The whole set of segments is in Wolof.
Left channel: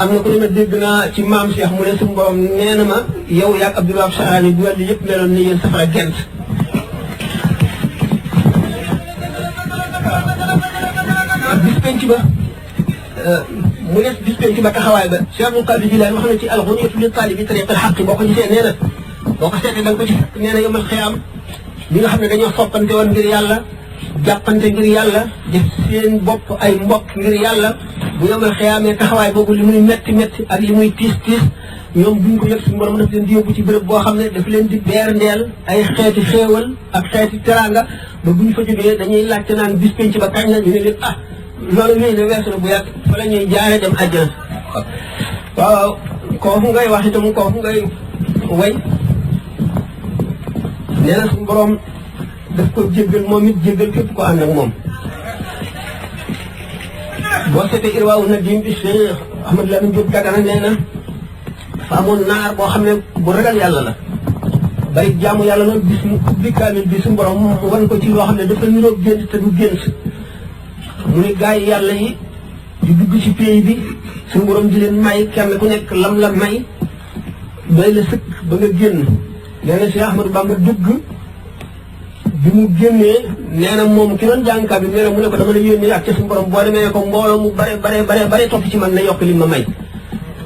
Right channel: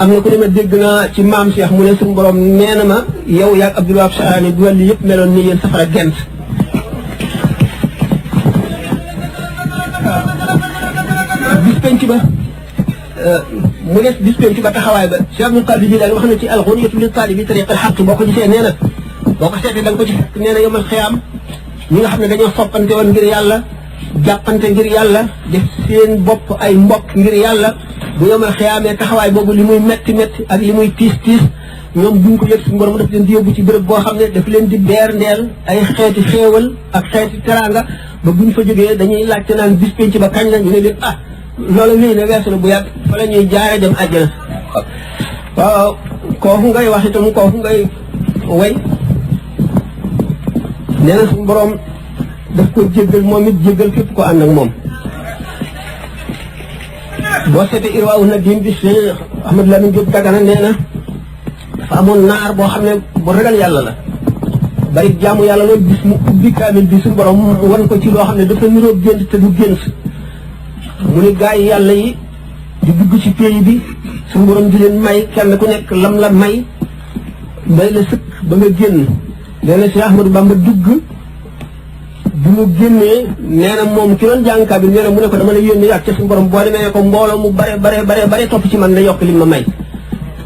am na ku ne ma dégg naa ci maam Cheikh mu ne suñu borom nee na ma yow yaag Abdul Wahab Sahraani bu wàllu yëpp meloon ni yéen safara gent bis penc ba mu des bis penc ba taxawaay ba Cheikh Abdul Qadir Jilaani wax na ci al-Ghunyatu li taalibi tariq al-haqq boo ko gisee nee na boo ko seetee da nga ko ci fekk nee na yawmal xiyaam ñi nga xam ne dañoo soppante woon ngir yàlla jàppante ngir yàlla def seen bopp ay mbokk ngir yàlla bu yawmal xiyaamee taxawaay boobu li muy metti metti ak li muy tiis tiis ñoom buñ ko yëg suñu borom daf leen di yóbbu ci béréb boo xam ne daf leen di beer ndeel ay xeeti xéewal ak xeeti teraanga ba buñ fa jógee dañuy laajte naan bis penc ba kañ la ñu ne leen ah loolu wéy na weesu na bu yàgg fa la ñuy jaare dem àjjana waaw kooku ngay wax itam kooku ngay way nee na suñu borom daf ko jéggal moom it jéggal képp ko ànd ak moom boo seetee Irwaawu Nadim bi Cheikh Ahmad Lamine Diop Dagana nee na dafa amoon naar boo xam ne bu ragal yàlla la bari jaamu yàlla loolu bis mu ubbi kaamil bi suñu borom wan ko ci loo xam ne dafa niroog gént te du gént mu ni gaay yàlla yi di dugg ci pays bi suñu borom di leen may kenn ku nekk lam la may doy la sëkk ba nga génn nee na Cheikh Ahmadou Bamba dugg bi mu génnee nee na moom ki doon jàng kaamil nee na mu ne ko dama la yónnee ak ca suñu borom boo demee ko mbooloo mu bare topp ci man na yokk li ma may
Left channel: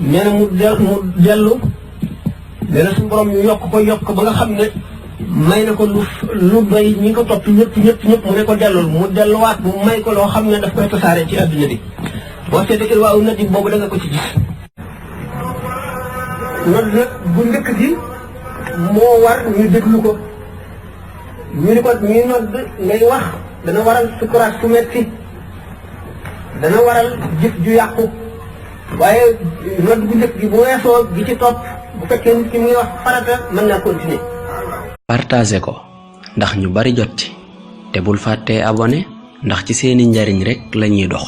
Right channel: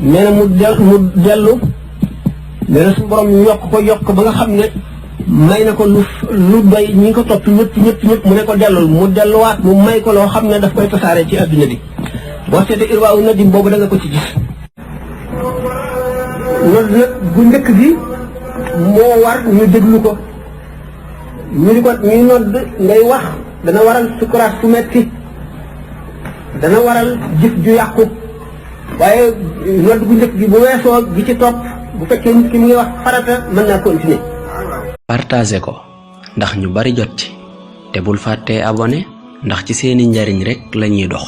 nee na mu dellu nee na suñu borom yokk ba nga xam ne may na ko lu doy ñi ko topp ñëpp mu ne ko dellul mu delluwaat mu may ko loo xam ne daf koy tasaare ci adduna bi boo seetee Irwaawu Nadim boobu da nga ko ci gis nodd nag bu njëkk gi moo war ñu déglu ko ñu di ko ñuy nodd ngay wax dana waral sukuraat su metti dana waral jëf ju yàqu waaye nodd bu njëkk gi bu weesoo gi ci topp bu fekkee nit ki mu ngi wax farata mën naa continuer. partagé ko ndax ñu bari jot ci te bul fàttee abonné ndax ci seeni njariñ rekk lañuy dox.